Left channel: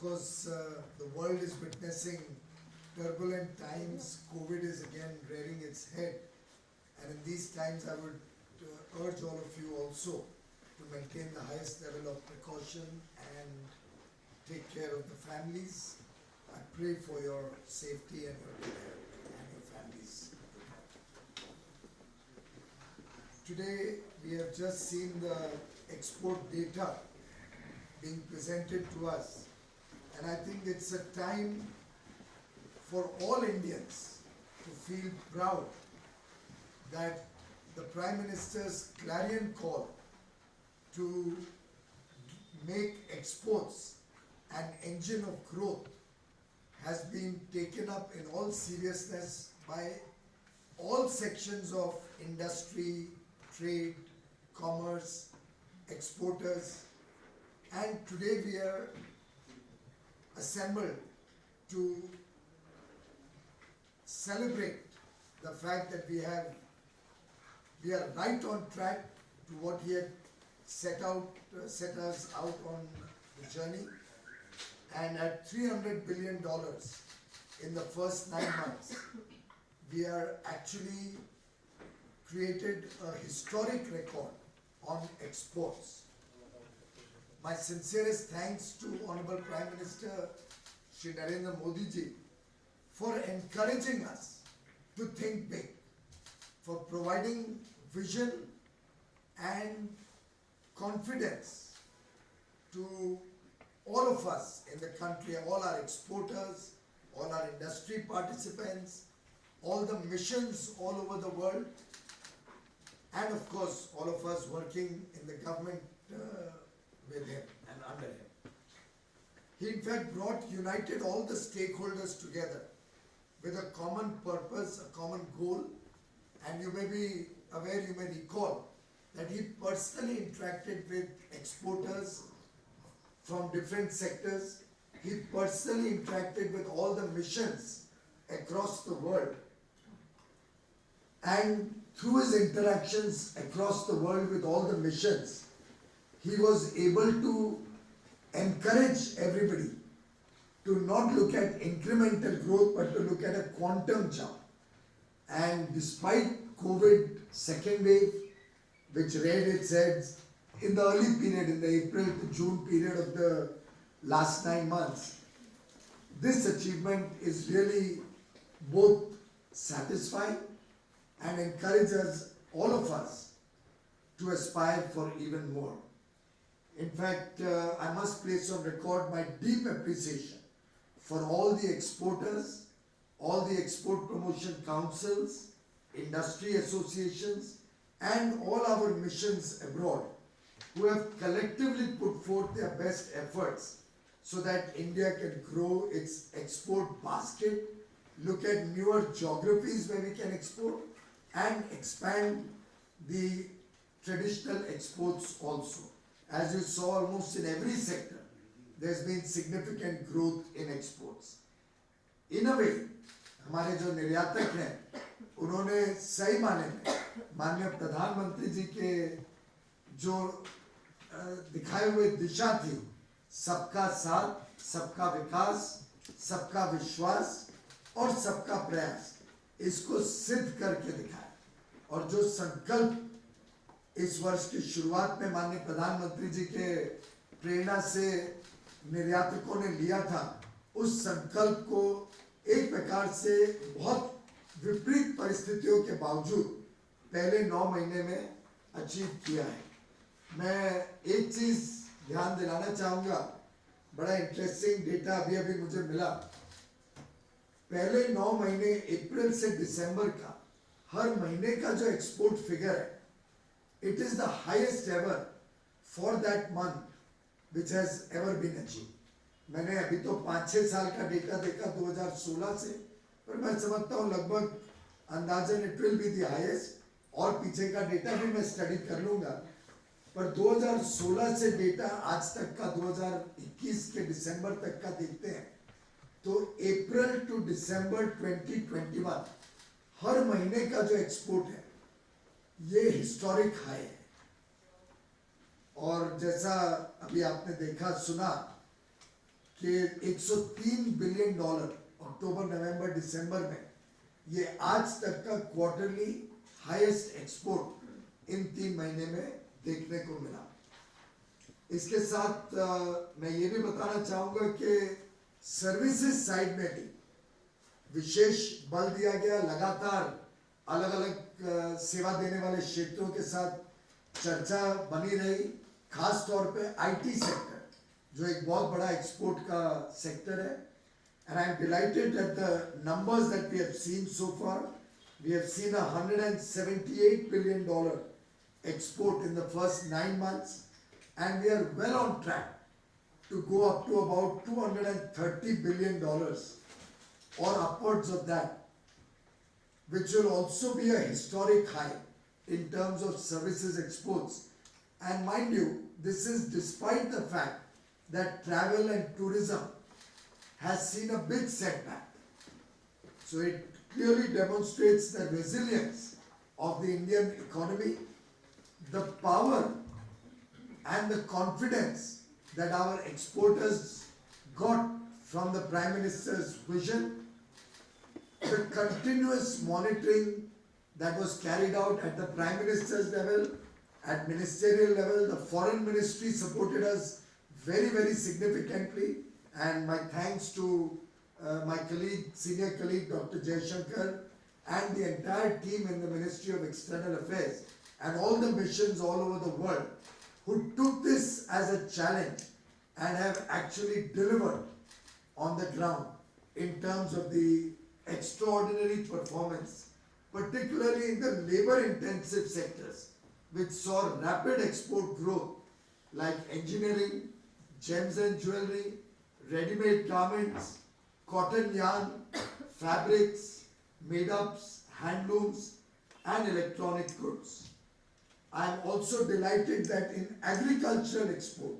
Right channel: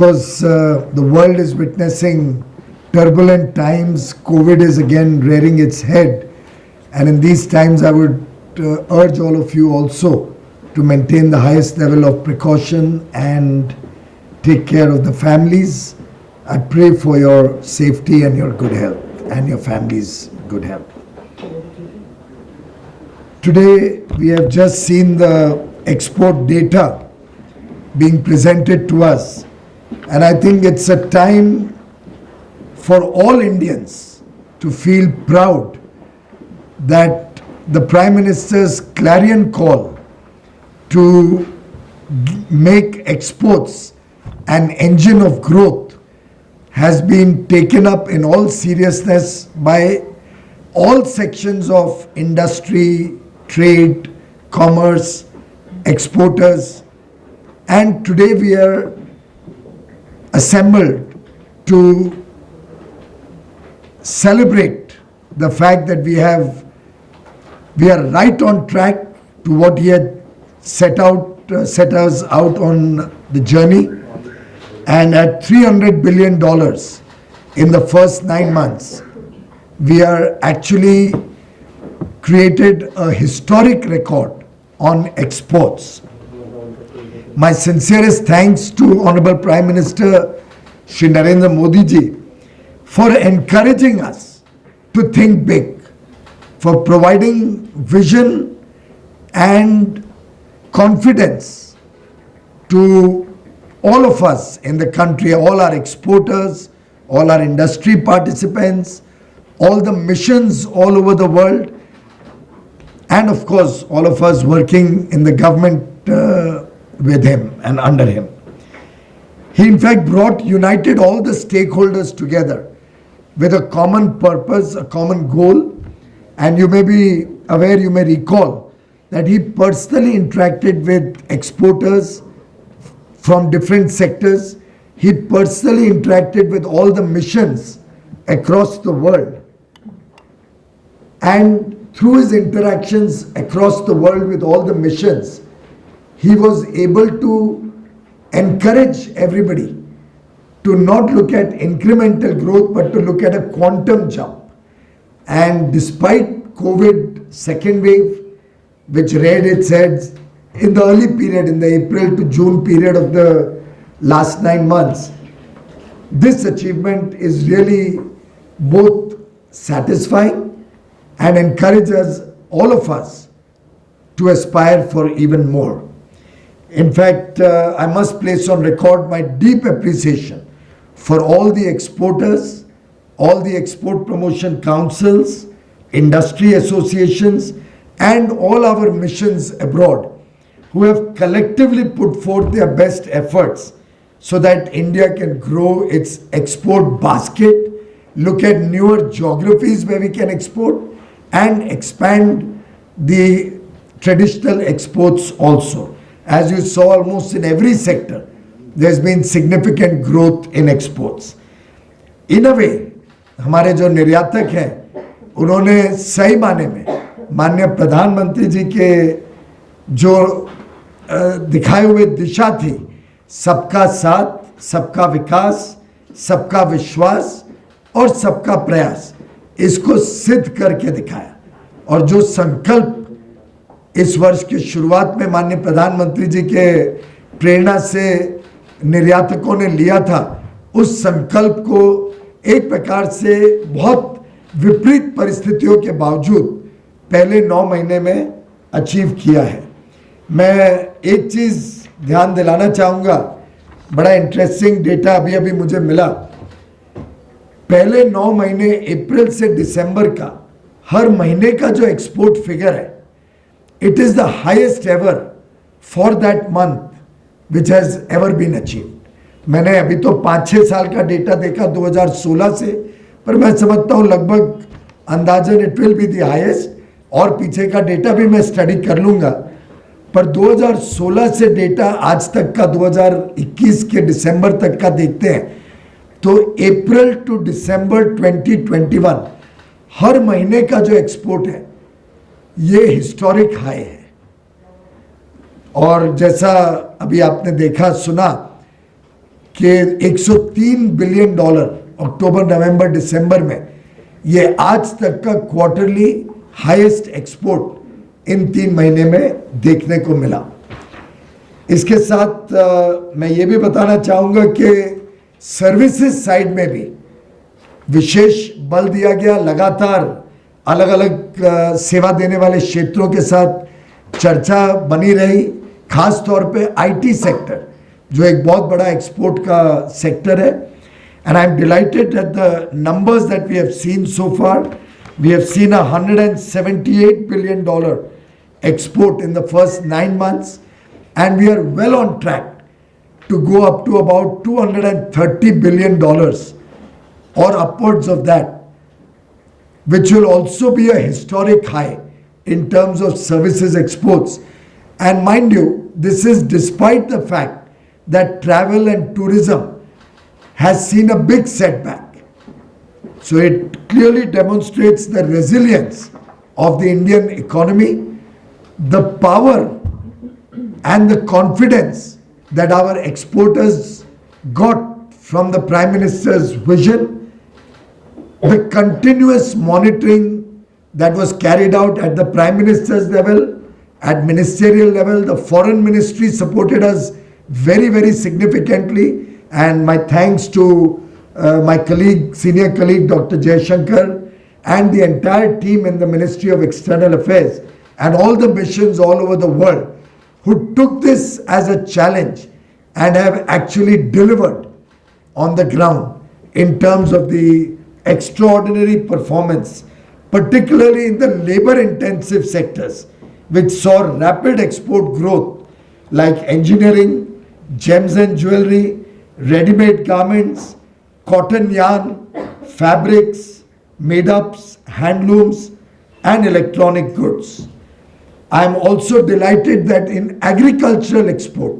course, the world is witnessing turbulent times. COVID is again rearing its head. And in these times, I would urge all of you also to maintain the highest level of precaution and take care of the families. I pray for your safety and your good health and your family's good health. Today, we have just seen the export data being presented to us. And I think it's a time for all Indians to feel proud that the Prime Minister's clarion call to make exports an engine of growth has been taken up in all seriousness by all sections of industry, trade, commerce, exporters. And today we are assembled to celebrate the fact that we are right on track to what he had set us out on the journey. And at $300 billion in the first 9 months, we are actually created a historic record on exports. My sincerest thanks to Honorable Prime Minister Shri Narendra Modi ji for encouraging us to think big, for providing vision and confidence to all of us in the country, all our exporters, all our industry participants, all the missions all over the world, and of course all of us working in the government with him and under him. He in fact united all the stakeholders together with a common purpose, a common goal. And you may be aware, you may recall that he personally interacted with exporters from different sectors. He personally interacted with all the missions across the world. And through his interactions across the world with all the missions, he was able to encourage everybody to not look at incremental growth, but to look at a quantum jump. And despite COVID second wave, which reared its heads in the early period, in the April to June period of the last 9 months, this achievement is really both satisfying and encourages all of us to aspire for even more. In fact, I must place on record my deep appreciation for all the exporters, all the export promotion councils, industry associations, and all our missions abroad who have collectively put forth their best efforts so that India can grow its export basket, look at newer geographies where we can export, and expand the traditional exports also. As you saw, almost in every sector, there's been significant growth in exports. In a way, हमारे जो निर्यातक हैं, उन्होंने सही माने में माननीय प्रधानमंत्री जी के जो दिखाए हुए दिशा थी, सबका साथ, सबका विकास, सबका विश्वास और सबका प्रयास, इसको सिद्ध करके दिखाया. और जो संकल्प इस वर्ष की शुरुआत में माननीय प्रधानमंत्री जी के प्रेरणा से निर्यातकों ने लिया था, उस संकल्प को एक प्रकार से बहुत विपरीत परिस्थितियों के बावजूद पहले 9 महीने में अचीव किया है. मैं एक चीज़ ध्यान दिलाना चाहूँगा, बड़ा इंटरेस्टिंग डेटा अभी मुझे मिला. पहले 9 महीने अप्रैल से दिसंबर का हर महीने का जो एक्सपोर्ट फिगर है, it is the highest ever for that month which has ever been achieved. मैंने अभी तो 5-6 साल का डेटा देखा 2016 से, पर मैं समझता हूँ लगभग अंदाजन it will be the highest. और पीछे का डेटा भी मैं स्टडी कर लूँगा, पर 2016 से डेटा आज तक का 2021 के दिसंबर तक का देखते हैं तो अप्रैल टू दिसंबर 2021 हर महीने का जो एक्सपोर्ट है ये हिस्टोरिक हाई है. और जैसा अभी आपने देखा सुना, कि 103 बिलियन डॉलर अक्टूबर नवंबर दिसंबर में, ये आज तक का क्वार्टरली हाईएस्ट एक्सपोर्ट इन 3 महीने में देखने को मिला। इसके साथ मैं ये भी बताना चाहूँगा कि सर्विसेज साइड में भी विशेष बल दिया गया। लगातार अलग अलग सेवा देने वाले क्षेत्रों के साथ चर्चा बनी रही, खास तौर पे आईटी सेक्टर जो एक बहुत बड़ा एक्सपोर्ट का सेक्टर है। And I am delighted that the numbers that we have seen so far, we have seen $178 billion export in the first 9 months, and we are well on track to go up to about $230 billion or upwards of that, which will also be a historic high in terms of services exports. And mind you, this is despite the fact that travel and tourism has seen a big setback. So it clearly demonstrates the resilience of the Indian economy, the power and the confidence that our exporters got from the Prime Minister's vision, the continuous monitoring that was carried out at the Prime Minister's level, at ministerial level. The Foreign Ministry supported us very, very significantly, and my thanks to my colleague, senior colleague Dr. Jaishankar, and the entire team in the Ministry of External Affairs and all the missions all over the world who took this as a challenge and have actually delivered on the ground in terms of the extraordinary performance, particularly in the labor-intensive sectors, which saw rapid export growth like engineering, gems and jewelry, ready-made garments, cotton yarn, fabrics, made-ups, handlooms, and electronic goods. I am also delighted that in agricultural export,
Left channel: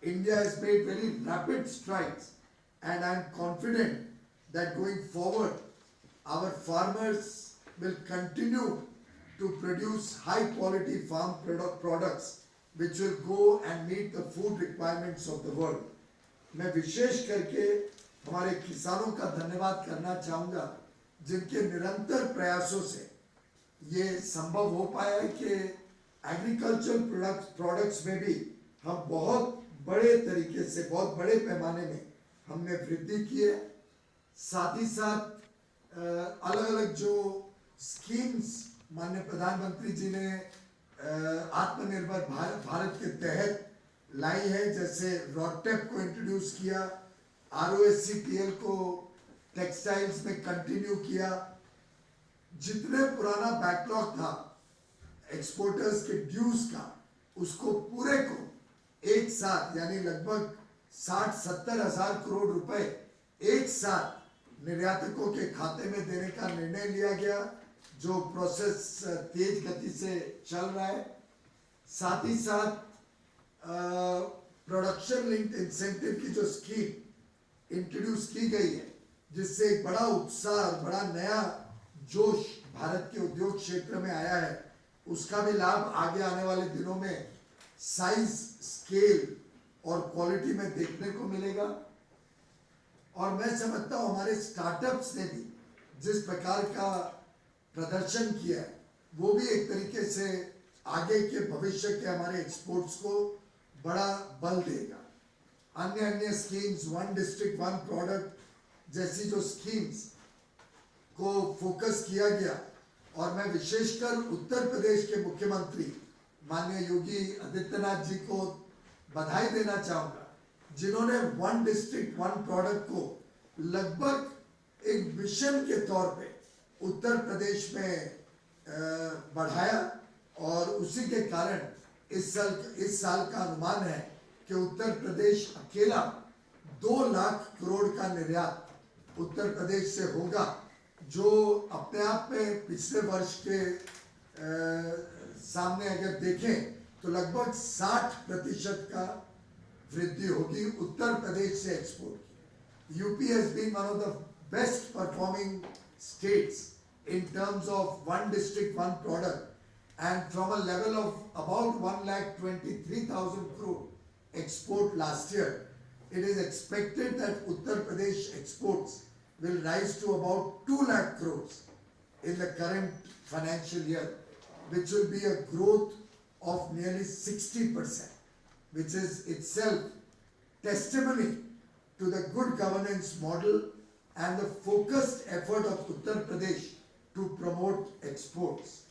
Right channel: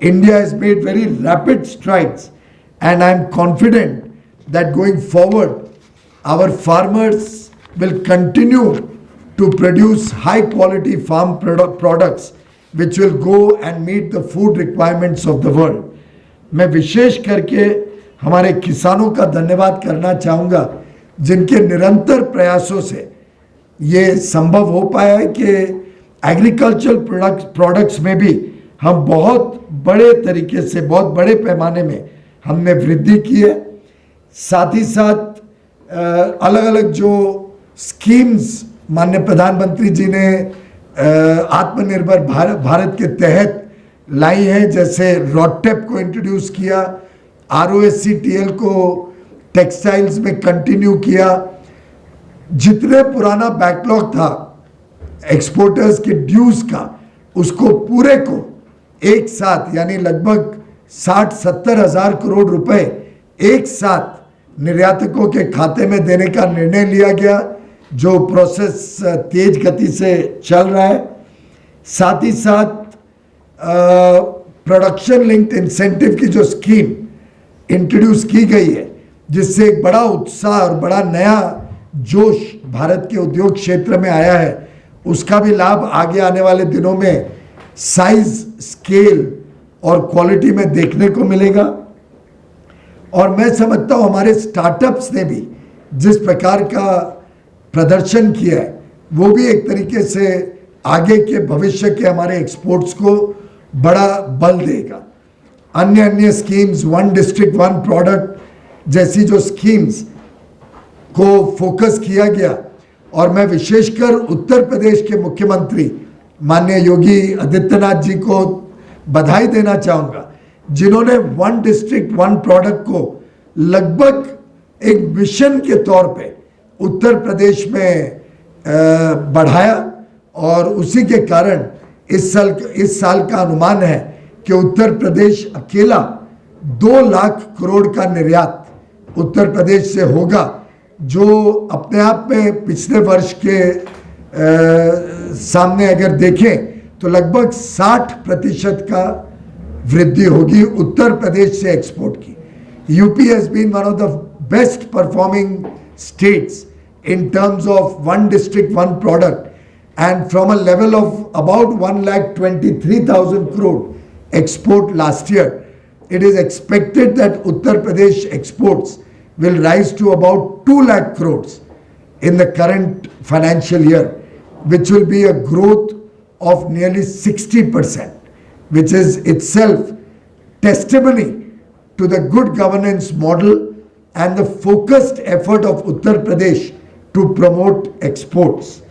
India has made very rapid strides, and I am confident that going forward, our farmers will continue to produce high quality farm products which will go and meet the food requirements of the world. मैं विशेष करके हमारे किसानों का धन्यवाद करना चाहूँगा जिनके निरंतर प्रयासों से ये संभव हो पाया है कि एग्रीकल्चरल प्रोडक्ट्स में भी हम बहुत बड़े तरीके से, बहुत बड़े पैमाने में हमने वृद्धि की है। साथ ही साथ अलग अलग जो स्कीम्स माननीय प्रधानमंत्री जी ने आत्मनिर्भर भारत के तहत लाई है, जैसे रॉडटेप को इंट्रोड्यूस किया, ROSCTL को टेक्सटाइल्स में कंटिन्यू किया। जितने पुराना बैकलॉग था एक्सपोर्टर्स के ड्यूज का, उसको पूरे को एक साथ यानी लगभग 60-70 हज़ार करोड़ रुपए एक साथ निर्यातकों के खाते में देने का निर्णय लिया गया, जो प्रोसेस तेज गति से चल रहा है। साथ ही साथ प्रोडक्शन लिंक्ड इंसेंटिव की जो स्कीम इंट्रोड्यूस की गई है, जिससे एक बड़ा उत्साह और बड़ा नया जोश भारत के उद्योग क्षेत्र में आया है, उसका भी लाभ आगे आने वाले दिनों में साइज, स्केल और क्वालिटी में देखने को मिलेगा। और मैं समझता हूँ हमारे स्टार्टअप्स ने भी जिस प्रकार का प्रदर्शन किया है, वो भी एक तरीके से आगे के भविष्य के हमारे एक्सपोर्ट्स को बड़ा बल देगा। अन्य अन्य schemes, one district one product जैसी जो स्कीम्स को फोकस किया गया, और मैं विशेषकर उत्तर प्रदेश के मुख्यमंत्री माननीय योगी आदित्यनाथ जी को बधाई देना चाहूँगा, जिन्होंने वन डिस्ट्रिक्ट वन प्रोडक्ट को लगभग एक मिशन के तौर पे उत्तर प्रदेश में बढ़ाया, और उसी के कारण इस साल का अनुमान है कि उत्तर प्रदेश अकेला 2 लाख करोड़ का निर्यात उत्तर प्रदेश से होगा, जो अपने आप में पिछले वर्ष के सामने अगर देखें तो लगभग 60% का वृद्धि होगी उत्तर प्रदेश से एक्सपोर्ट की। UP has been one of the best performing states in terms of one district one product, and from a level of about 1,23,000 crore export last year, it is expected that Uttar Pradesh exports will rise to about 2 lakh crores in the current financial year, which will be a growth of nearly 60%, which is itself testimony to the good governance model and the focused effort of Uttar Pradesh to promote exports.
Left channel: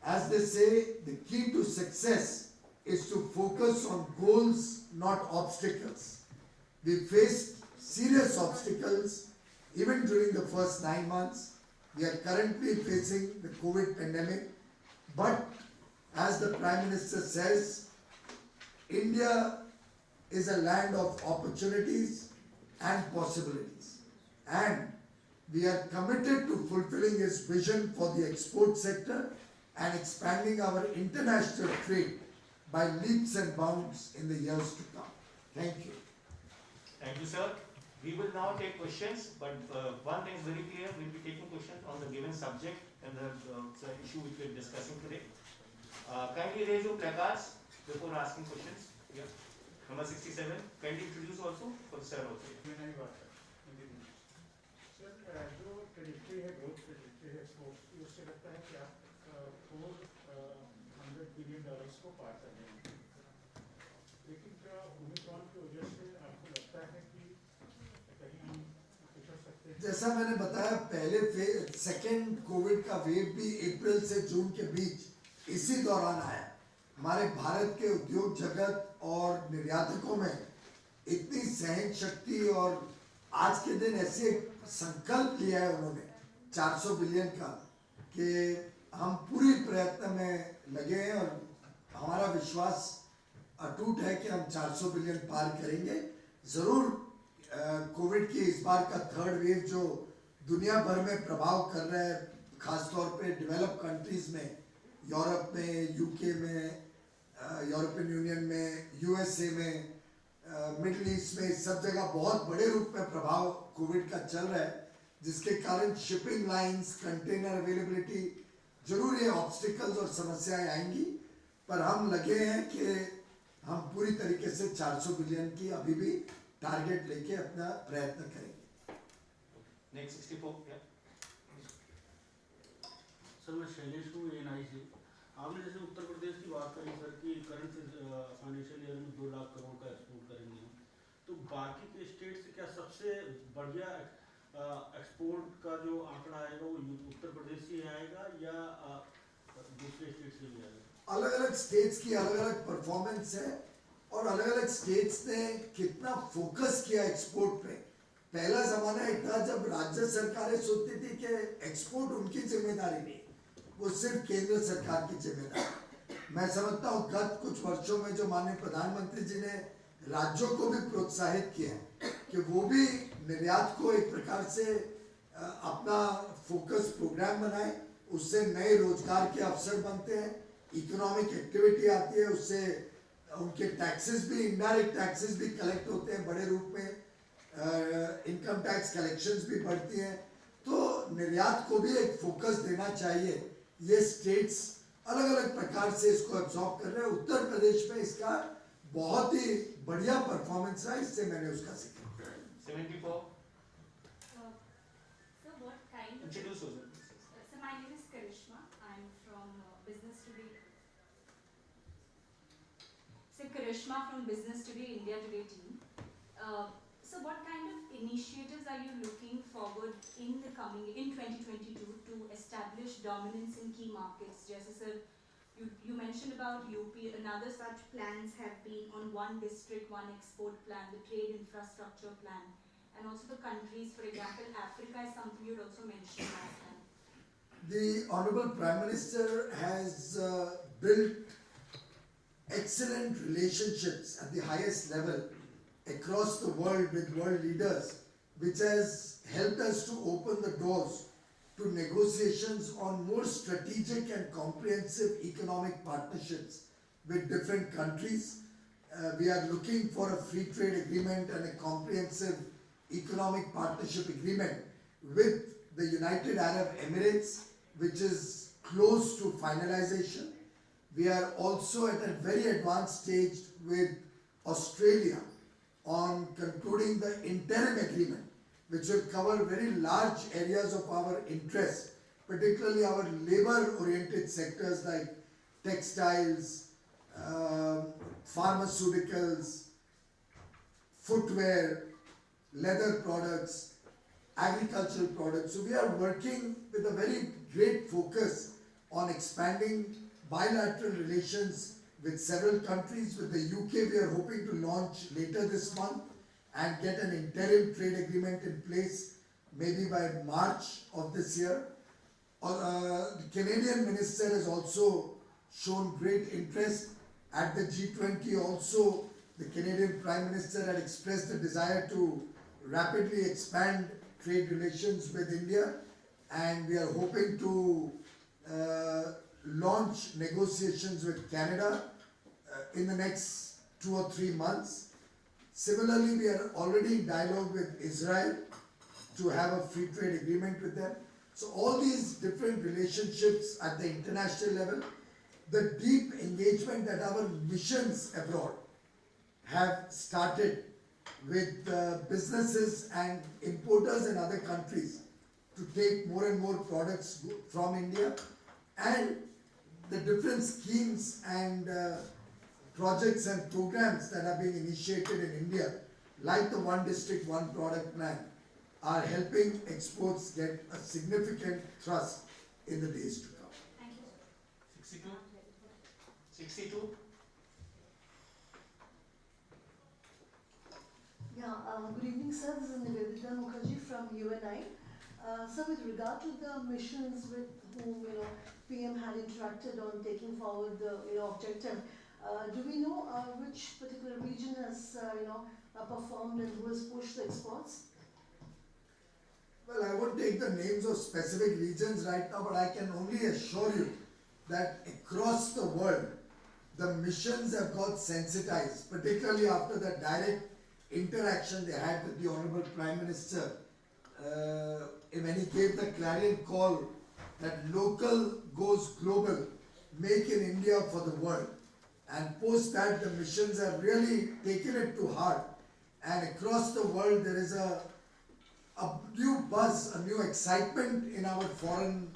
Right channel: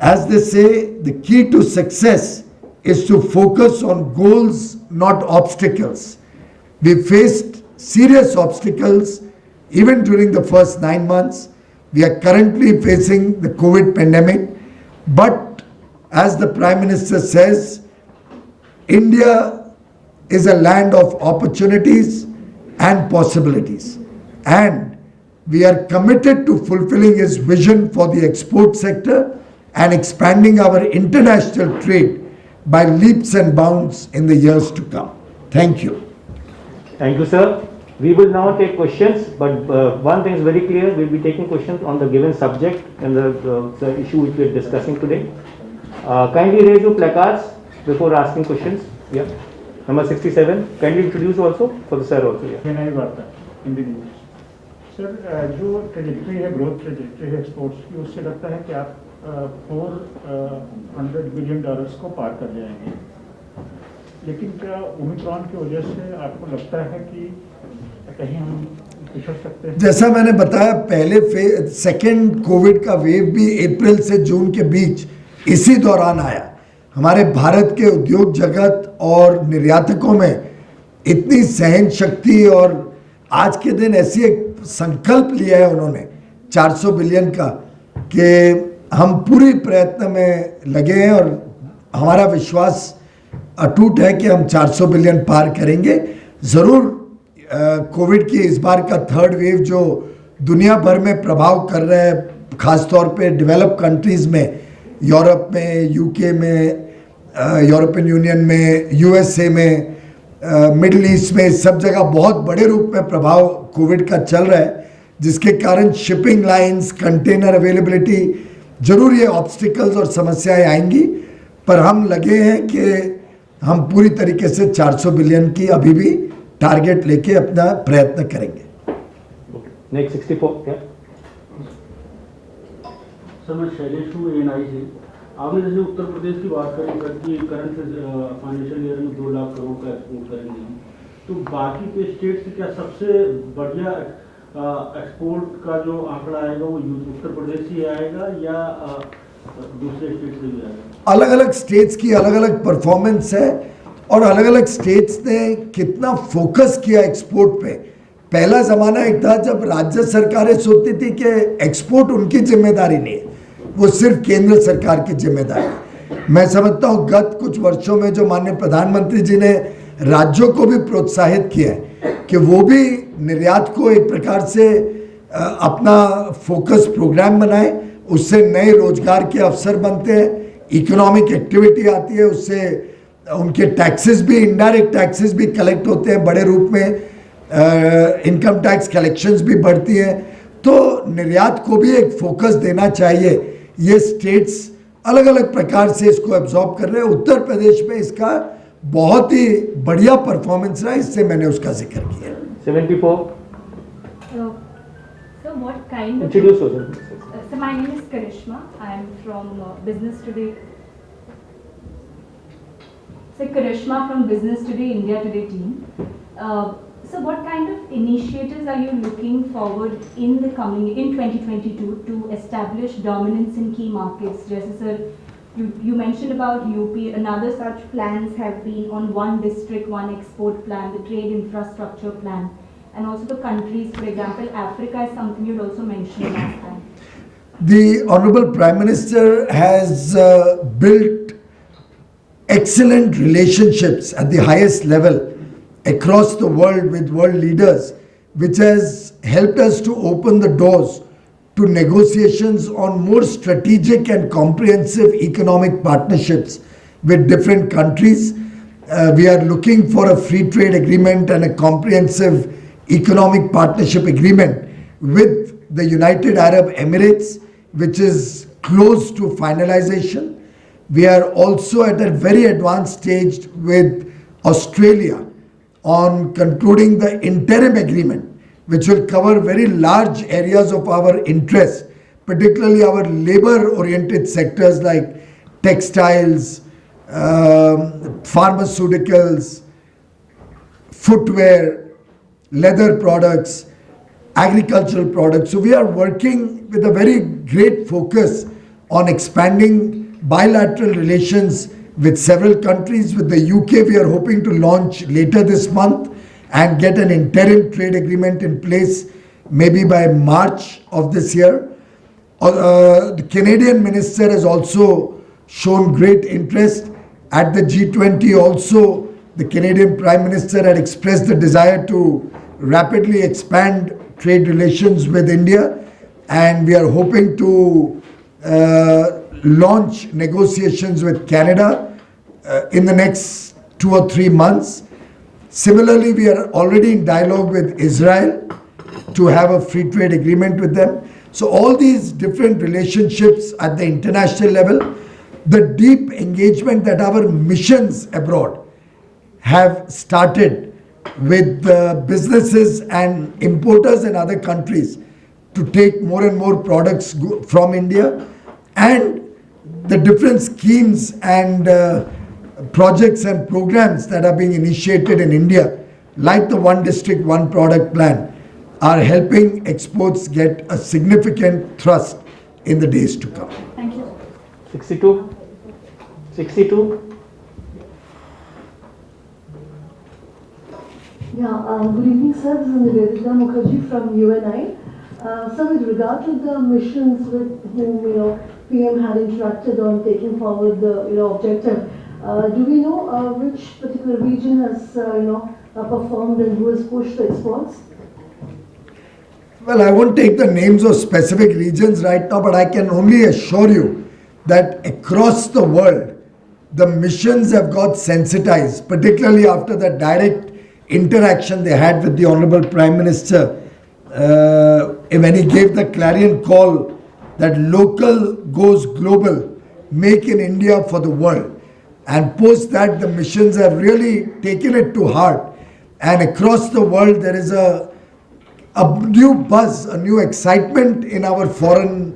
As they say, the key to success is to focus on goals, not obstacles. We faced serious obstacles even during the first 9 months. We are currently facing the COVID pandemic, but as the Prime Minister says, India is a land of opportunities and possibilities, and we are committed to fulfilling his vision for the export sector and expanding our international trade by leaps and bounds in the years to come. Thank you. Thank you, sir. We will now take questions, but one thing is very clear, we'll be taking questions on the given subject and the issue which we are discussing today. Kindly raise your placards before asking questions. Yeah. Number 67. Kindly introduce also for the sir also. Yeah. नहीं वार्ता Hindi news sir जो trajectory है growth trajectory है exports की उससे लगता है कि आप $400 बिलियन को पार कर जाएंगे, लेकिन क्या ओमिक्रॉन की वजह से आपको लगता है कि कहीं हम पिछड़ सकते हैं? जैसा मैंने बताया, पहले सेकेंड कोविड का वेव भी अप्रैल से जून के बीच इसी दौरान आया। हमारे भारत के उद्योग जगत और निर्यातकों में इतनी सहन शक्ति, और आज के दिन ऐसी एक संकल्प लिया है उन्होंने 400 बिलियन का, कि हम पूरी प्रयत्न में लगे हैं और हमारा विश्वास अटूट है कि हम 400 बिलियन पार करेंगे। ज़रूर कोविड की इस बार का थर्ड वेव जो दुनिया भर में प्रभाव कर रहा है, ख़ासतौर पे डेवलप कंट्रीज़ में, यूरोप में, यूके में, यूरोपियन यूनियन में, यूएसए में, मिडिल ईस्ट में, सब जगह बहुत बड़े रूप में प्रभाव कोविड का चल रहा है, जिसके कारण शिपिंग लाइंस, कंटेनर अवेलेबिलिटी, जरूर ये ऑब्स्टिकल्स और समस्याएं आएंगी, पर हम लगे हैं कि हम पूरी तरीके से 400 बिलियन की अभी भी टारगेट लेके अपना प्रयत्न करेंगे। नेक्स्ट 64 क्या? सर मैं शैलेश हूँ एएनआई से। आपने जैसे उत्तर प्रदेश की बात करी सर कि करंट फाइनेंशियल ईयर में 2 लाख करोड़ का एक्सपोर्ट करेंगे, तो बाकी के स्टेट से क्या सबसे बढ़िया एक्सपोर्ट का जो आंकड़ा आएगा वो उत्तर प्रदेश ही आएगा या दूसरे स्टेट से भी आएगा? अलग अलग स्टेट्स की अलग अलग परफॉर्मेंस है और अलग अलग स्टेट्स ने कितना फोकस किया एक्सपोर्ट पे। पहला ज़माना एक था जब राज्य सरकारें सोचती थी कि एक्सपोर्ट उनकी जिम्मेदारी नहीं है, वो सिर्फ केंद्र सरकार की जिम्मेदारी है। मैं समझता हूँ गत कुछ वर्षों में जो माननीय प्रधानमंत्री जी ने राज्यों को भी प्रोत्साहित किया है कि वो भी निर्यात को एक प्रकार से अपना फोकस प्रोग्राम बनाए, उससे नए रोजगार के अवसर बनते हैं, इकोनॉमिक एक्टिविटी आती है, उससे उनके टैक्सेस भी, इनडायरेक्ट टैक्सेस भी कलेक्ट होते हैं बड़े रूप में, इनकम टैक्स कलेक्शंस भी बढ़ती हैं, तो निर्यात को भी एक फोकस देना चाहिए। ये स्टेट्स अलग अलग प्रकार से इसको एब्जॉर्ब कर रहे हैं। उत्तर प्रदेश में इसका बहुत ही बढ़िया परफॉर्मेंस रहा, इससे मैंने उसका जिक्र किया। 74. So what kind of... Introduce yourself. So my name is Karishma. I am from Business Today. So Karishma from Business Today, India Today team. So what kind of initiatives are you looking forward in 2022 to establish dominance in key markets? Just sir, you mentioned about UP. Another such plans have been on one district, one export plan, the trade infrastructure plan, and also the countries. For example, Africa is something you'd also mentioned last time. The Honorable Prime Minister has built excellent relationships at the highest level across the world with world leaders, which has helped us to open the doors to negotiations on more strategic and comprehensive economic partnerships with different countries. We are looking for a free trade agreement and a comprehensive economic partnership agreement with the United Arab Emirates, which is close to finalization. We are also at a very advanced stage with Australia on concluding the interim agreement, which will cover very large areas of our interest, particularly our labor-oriented sectors like textiles, pharmaceuticals, footwear, leather products, agricultural products. So we are working with a very great focus on expanding bilateral relations with several countries. With the UK, we are hoping to launch later this month and get an interim trade agreement in place maybe by March of this year. The Canadian minister has also shown great interest at the G20. Also, the Canadian Prime Minister had expressed the desire to rapidly expand trade relations with India, and we are hoping to launch negotiations with Canada in the next 2 or 3 months. Similarly, we are already in dialogue with Israel to have a free trade agreement with them. So all these different relationships at the international level, the deep engagement that our missions abroad have started with businesses and importers in other countries to take more and more products from India, and the different schemes and projects and programs that are being initiated in India, like the One District, One Product plan, are helping exports get a significant thrust in the days to come. Thank you. 62? 62? Good evening, sir. This is Nivedita Mukherjee from UNI. Sir, with regard to the missions with whom PM had interacted on taking forward the objective, do we know which particular region has performed and who has pushed the exports? Well, I won't take the names of specific regions right now, but I can only assure you that across the world, the missions have got sensitized, particularly after the direct interaction they had with the Honorable Prime Minister when he gave the clarion call that local goes global, make in India for the world. And post that, the missions have really taken it to heart. And across the world, there is a new buzz, a new excitement in our foreign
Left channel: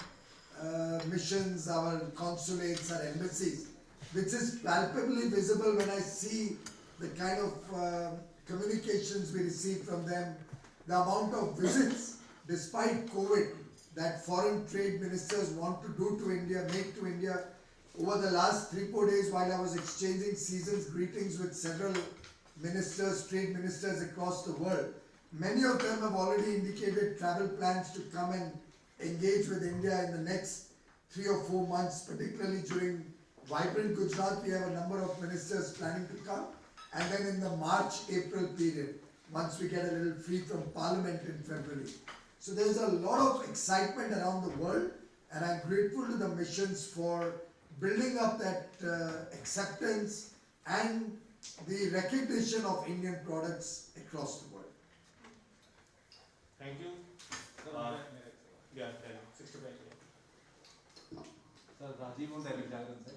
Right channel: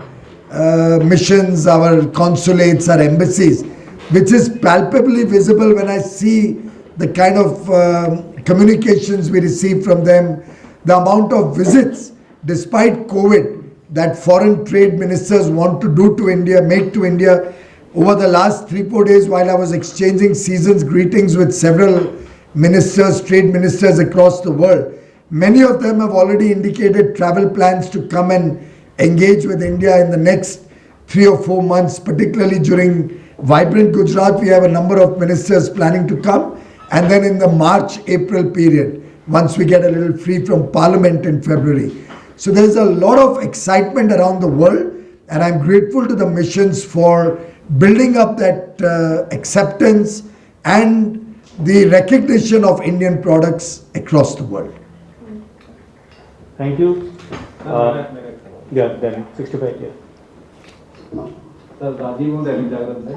missions, our consulates, our embassies, which is palpably visible when I see the kind of communications we receive from them, the amount of visits, despite COVID, that foreign trade ministers want to do to India, make to India. Over the last 3-4 days, while I was exchanging season's greetings with several ministers, trade ministers across the world, many of them have already indicated travel plans to come and engage with India in the next 3 or 4 months, particularly during Vibrant Gujarat. We have a number of ministers planning to come, and then in the March-April period, once we get a little free from Parliament in February. So there's a lot of excitement around the world, and I'm grateful to the missions for building up that acceptance and the recognition of Indian products across the world. Thank you. Yeah, then 65, yeah. Sir Rajiv हूँ दैनिक जागरण से।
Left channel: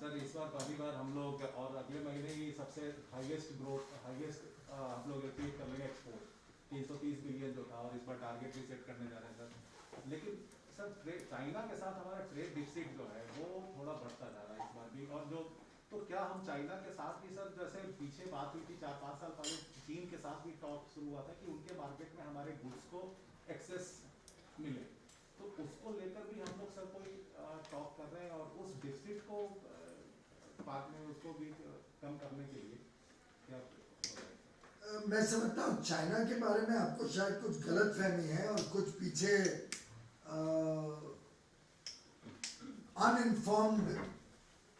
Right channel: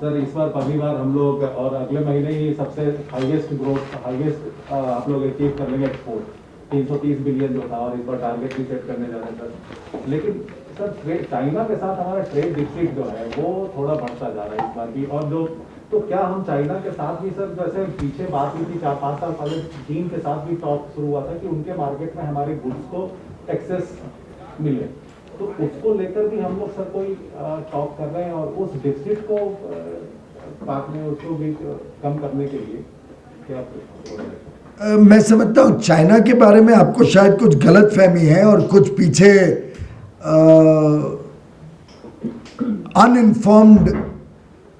Sir इस बार पहली बार हम लोग और अगले महीने ही सबसे हाईएस्ट ग्रोथ आप लोग अचीव कर लेंगे एक्सपोर्ट 330 बिलियन जो था, और इस बार टारगेट भी सेट करने जा रहे हैं सर। लेकिन सर चाइना के साथ हमारा ट्रेड डिफिसिट जो है वो थोड़ा बढ़ता जा रहा है इस बार भी, और जो तो क्या हम चाइना के साथ भी सर, जैसे पीछे बात हुई थी 4-5 साल पहले चीन के साथ भी टॉक शुरू हुआ था कि उनके मार्केट में हमारे गुड्स को एक्सेस मिले, तो उसको लेकर भी हम लोग सर कोई टॉक कर रहे हैं, और उस डिफिसिट को बात में उसको भी कम करने के लिए क्या मैं समझता हूँ चाइना के बारे में आपको शायद कुछ गलत फहमी है, और कुछ पीछे अनइन्फॉर्म्ड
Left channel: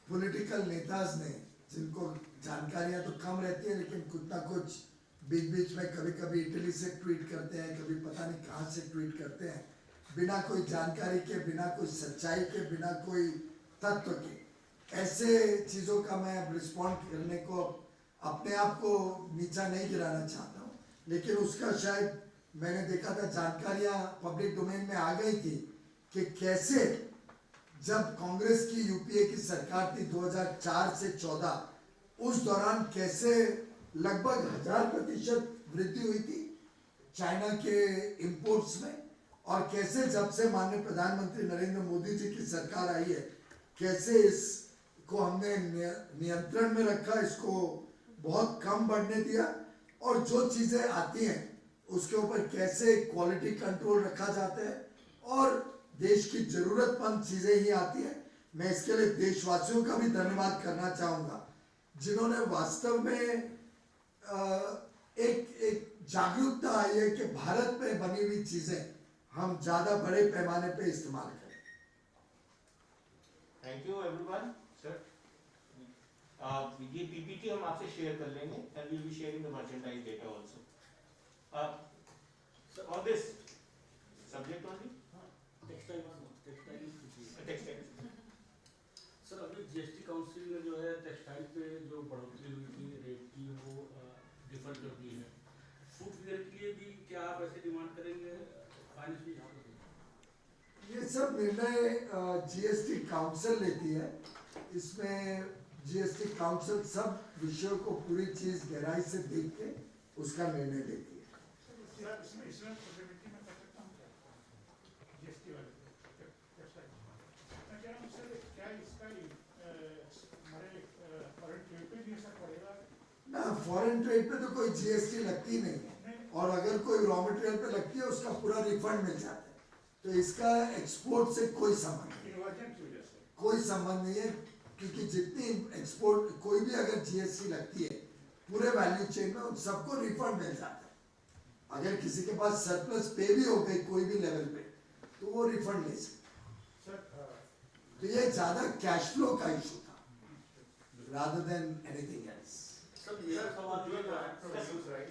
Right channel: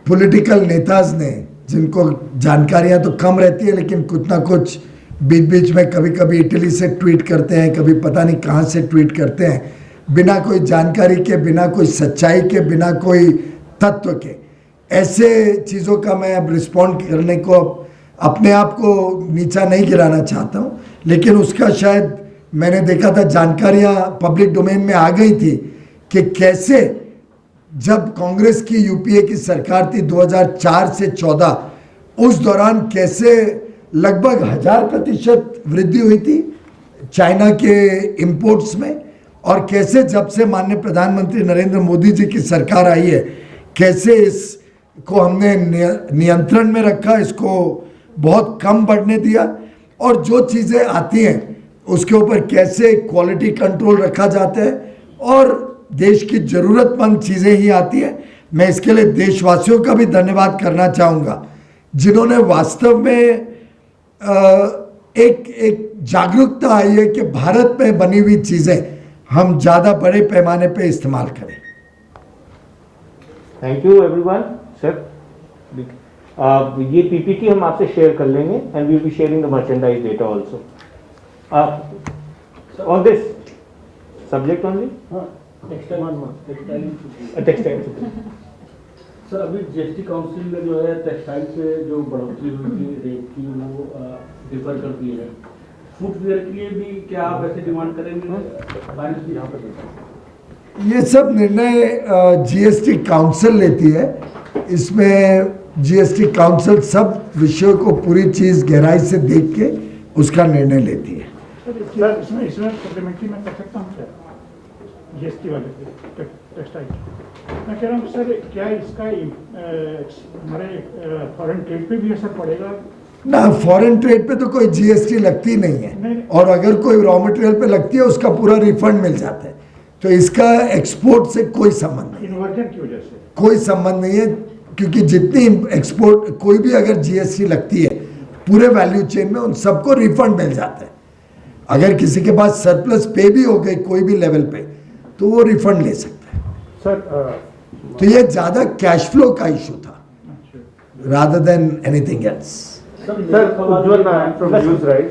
पॉलिटिकल नेताज ने, जिनको जानकारियां तो कम रहती है लेकिन कुछ ना कुछ बीच बीच में कभी कभी इटली से ट्वीट करते हैं, कभी पता नहीं कहाँ से ट्वीट करते हैं, बिना कोई जानकारी के, बिना कोई सच्चाई के, बिना कोई तत्व के। ऐसे चीज़ों का मैं अब रिस्पॉन्ड करने को अपने आप को नीचा नहीं गिराना चाहता हूँ, लेकिन उसका शायद मैंने देखा था जानकारियाँ पब्लिक डोमेन में आ गई थी कि कैसे जब कांग्रेस की यूपीए की सरकार थी 2004 से 14, उस दौरान कैसे लगभग 1000% वृद्धि हुई थी चाइना के इंपोर्ट्स में, और कैसे जब से माननीय प्रधानमंत्री नरेंद्र मोदी जी की सरकार आई है, कैसे इसको हमने नियंत्रण में रखा, इसको बहुत कम बढ़ने दिया, और जो चीज़ें आती हैं उसके ऊपर कैसे क्वालिटी कंट्रोल रखा जाता है, और देश की ज़रूरतमंद चीज़ें ही आती हैं। मैं इसके लिए देशवासियों का भी धन्यवाद करना चाहूँगा जिन्होंने वास्तव में एक जागरूकता आई है कि भारत में बनी हुई चीज़ें हम ज़्यादा बड़े पैमाने पे इस्तेमाल करें। Thank you everyone. सर ये पीपीटी हम आपसे शेयर कर लेंगे and we will be sharing the merchandise data also on this subject only textile. Sir अभी जीएसटी काउंसिल में जो है टेक्सटाइल पे जो बढ़ोतरी हुई थी रेट की वो डिफर कर दी है। फुटवेयर के लिए भी क्या आप ऐसे डिमांड करेंगे? फाइनेंस यहाँ पर ये सब निर्णय जीएसटी काउंसिल लेती है। इसमें जीएसटी काउंसिल सब विषयों को पूरी चीज़ गहराई से देख के उसका निर्णय लेती है। सर इसमें सप्लीमेंट्री में कर सकता हूँ सर, जीएसटी वाले टेक्सटाइल मैं कह रहा हूँ सर, क्या इसका हमारे फॉरेन ट्रेड पे भी असर पड़ेगा? ना, फॉरेन ट्रेड पे तो कोई जीएसटी लगती नहीं है, और अगर कोई रॉ मटेरियल पे लगती है उसका पूरा रिफंड मिल जाता है, तो इसका एक्सपोर्ट से कोई संबंध नहीं, इन्वर्जन की वजह से कोई संबंध नहीं है। क्योंकि जितनी एक्सपोर्ट कोई भी अगर जीएसटी लगती है पूरे वैल्यू चेन में उन सबको रिफंड मिल जाता है। अगर किसी के पास सरप्लस पे भी हो गई कोई भी लेवल पे तो वो रिफंड ले सकता है। सर तो ये ज़्यादा कैश फ्लो का इशू था rather than anything else. Sir, Ujjwal from NewsRight.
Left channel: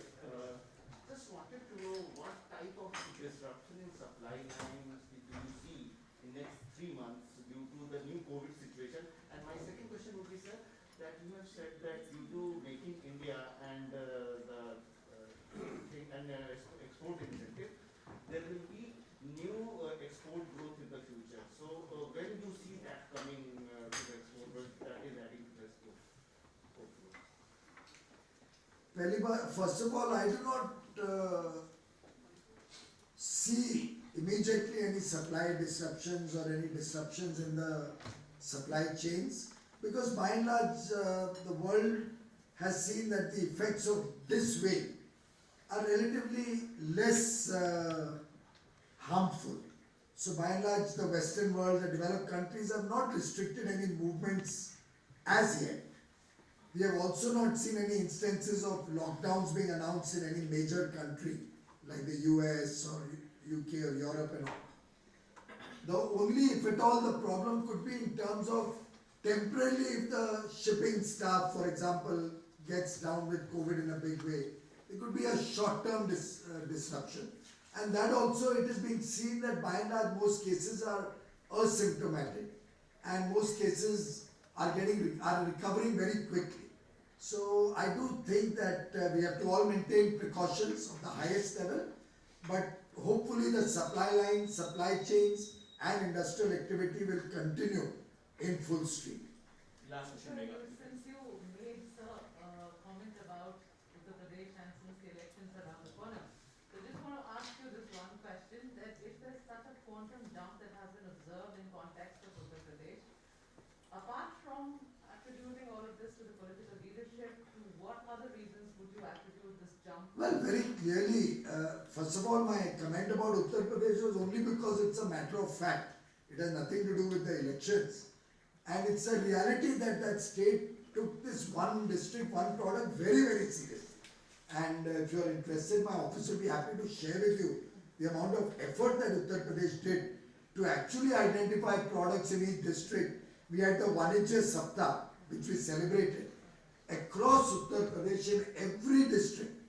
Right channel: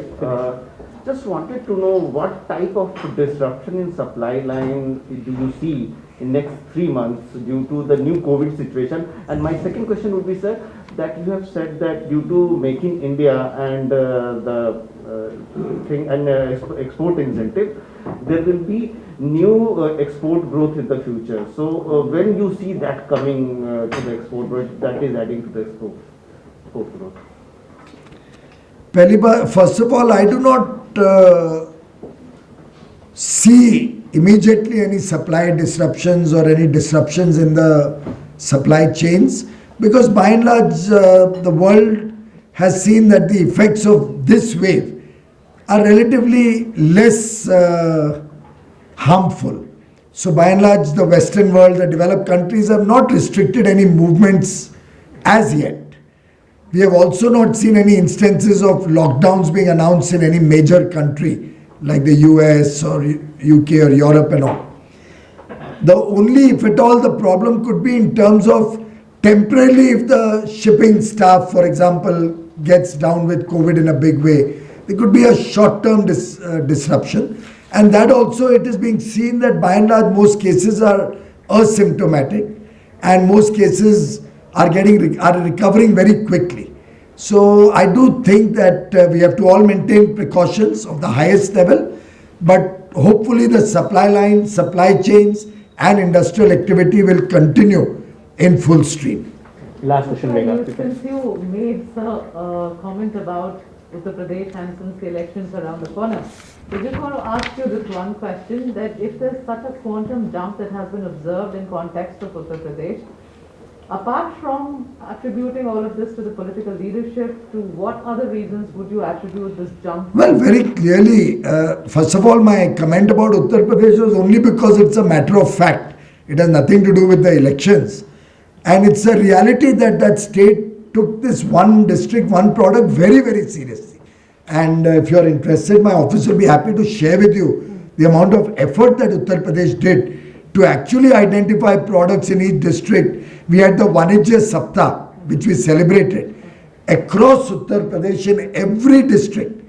Just wanted to know what type of disruption in supply line do you see in next 3 months due to the new COVID situation? And my second question would be, sir, that you have said that due to Make in India and the thing and export incentive, there will be new export growth in the future. So when you see that coming to the export growth, that is adding to the export growth. पहली बार, first of all, I do not see immediately any supply disruptions or any disruptions in the supply chains, because by and large the world has seen that the effects of this wave are relatively less harmful. So by and large the Western world, the developed countries have not restricted any movements as yet. We have also not seen any instances of lockdowns being announced in any major country like the US or UK or Europe and all. The only, if at all, the problem could be in terms of temporarily if the shipping staff, for example, gets down with COVID in a big way, there could be a short-term disruption. And that also, it is being seen that by and large most cases are asymptomatic and most cases are recovering very quickly. So I do think that we have to all maintain precautions of the highest level, but hopefully the supply line, supply chains and industrial activity will continue in full stream. Last question, Megha. Since you made a comment about Uttar Pradesh and since the elections around the corner, I just want to ask you this one question, that if there's such a quantum jump that has been observed in context of Uttar Pradesh, apart from attributing all of this to the political leadership, to what other reasons would you attribute this jump? Well, very clearly, first of all, my comment about Uttar Pradesh was only because it's a matter of fact. It has nothing to do with the elections. And it's a reality that that state took this one district, one product very, very seriously. And if you're interested, my office will be happy to share with you the amount of effort that Uttar Pradesh did to actually identify products in each district. We had the Vanijya Saptah, which we celebrated. Across Uttar Pradesh, in every district,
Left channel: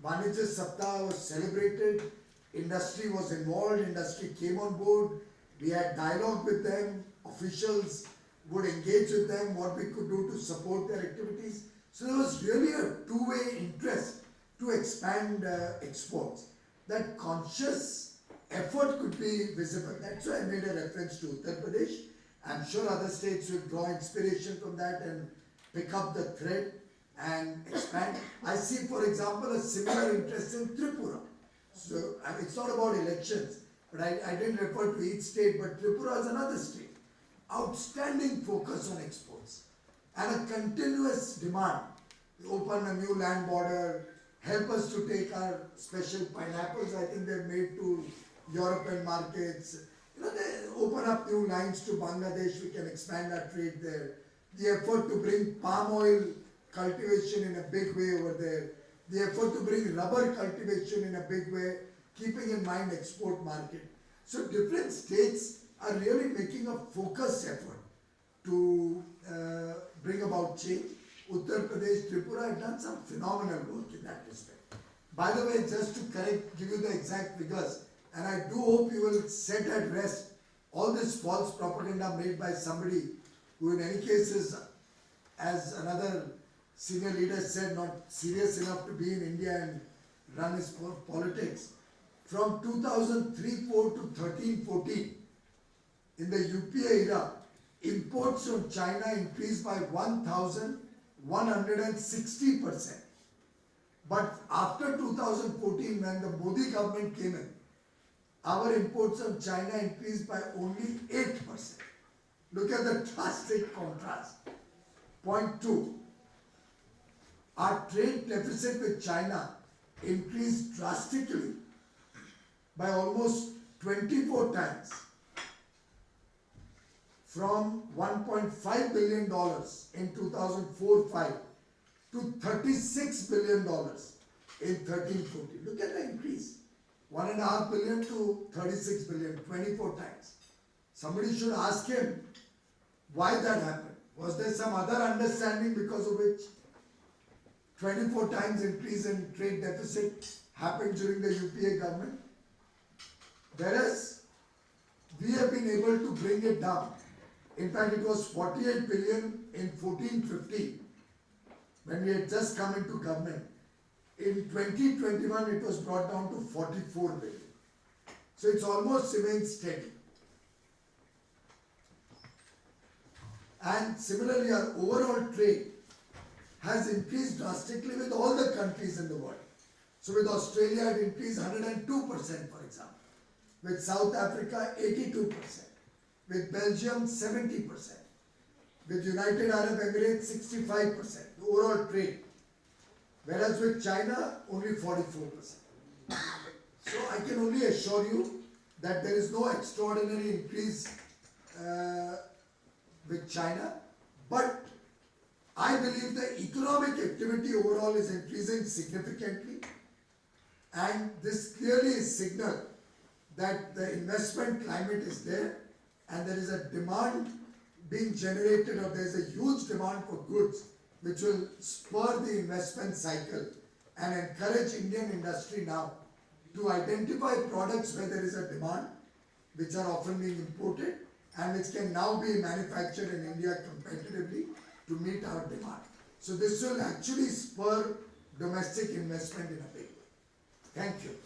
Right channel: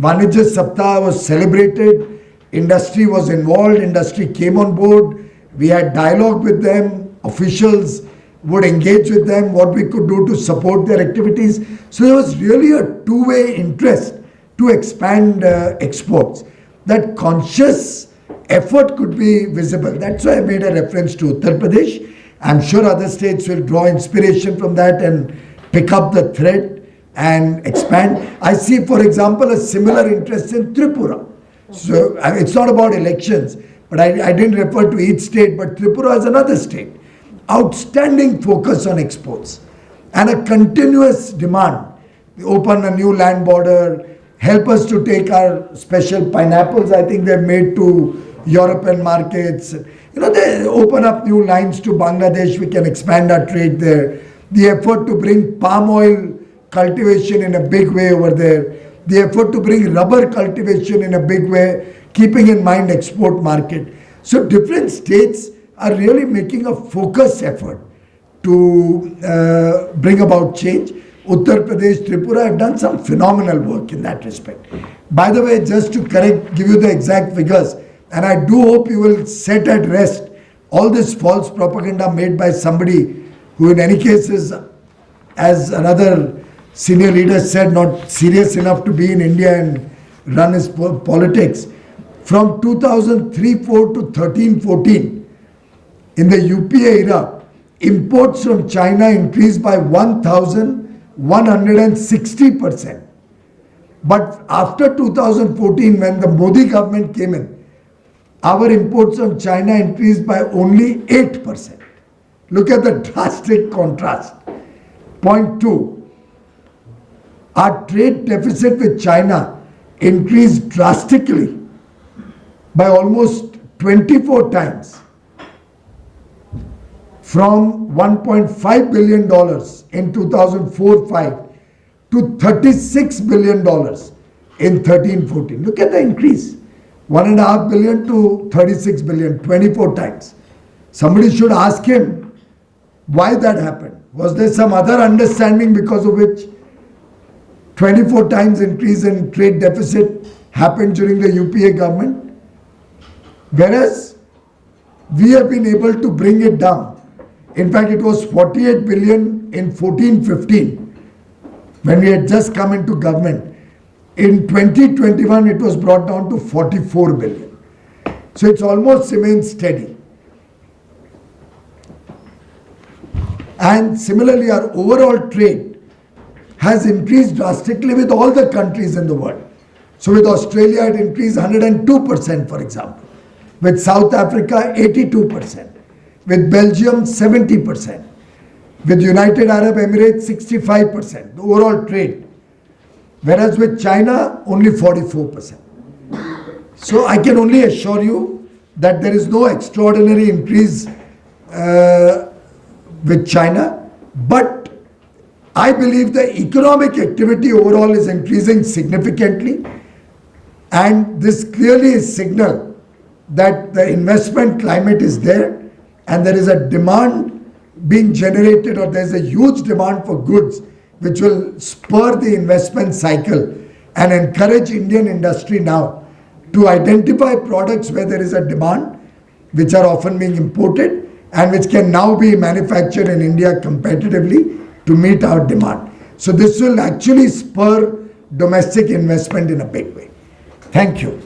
Vanijya Saptah was celebrated, industry was involved, industry came on board, we had dialogue with them, officials would engage with them, what we could do to support their activities. So there was really a two-way interest to expand exports. That conscious effort could be visible. That's why I made a reference to Uttar Pradesh. I'm sure other states will draw inspiration from that and pick up the thread and expand. I see, for example, a similar interest in Tripura. So it's not about elections, but I didn't refer to each state, but Tripura is another state. Outstanding focus on exports and a continuous demand. Open a new land border, help us to take our special pineapples, I think they've made to European markets. You know, they open up new lines to Bangladesh, we can expand our trade there. The effort to bring palm oil cultivation in a big way over there. The effort to bring rubber cultivation in a big way, keeping in mind export market. So different states are really making a focused effort to bring about change. Uttar Pradesh, Tripura have done some phenomenal work in that respect. By the way, just to give you the exact figures, and I do hope you will set at rest all this false propaganda made by somebody who in any case is, as another senior leader said, not serious enough to be in India and run his politics. From 2003-4 to 13-14, in the UPA era, imports from China increased by 1,160%. But after 2014, when the Modi government came in, our imports from China increased by only 8%. Look at the drastic contrast. Point 2, our trade deficit with China increased drastically by almost 24 times, from $1.5 billion in 2004-05 to $36 billion in 13-14. Look at the increase. $1.5 billion to 36 billion, 24 times. Somebody should ask him why that happened. Was there some other understanding because of which 24 times increase in trade deficit happened during the UPA government? Whereas we have been able to bring it down. In fact, it was 48 billion in 14-15 when we had just come into government. In 2021, it was brought down to 44 billion. So it's almost remained steady. And similarly, our overall trade has increased drastically with all the countries in the world. So with Australia, it increased 102%, for example. With South Africa, 82%. With Belgium, 70%. With United Arab Emirates, 65%. The overall trade. Whereas with China, only 44%. So I can only assure you that there is no extraordinary increase with China, but I believe the economic activity overall is increasing significantly, and this clearly is signal that the investment climate is there and there is a demand being generated, or there is a huge demand for goods which will spur the investment cycle and encourage Indian industry now to identify products where there is a demand, which are often being imported and which can now be manufactured in India competitively to meet our demand. So this will actually spur domestic investment in a big way. Thank you.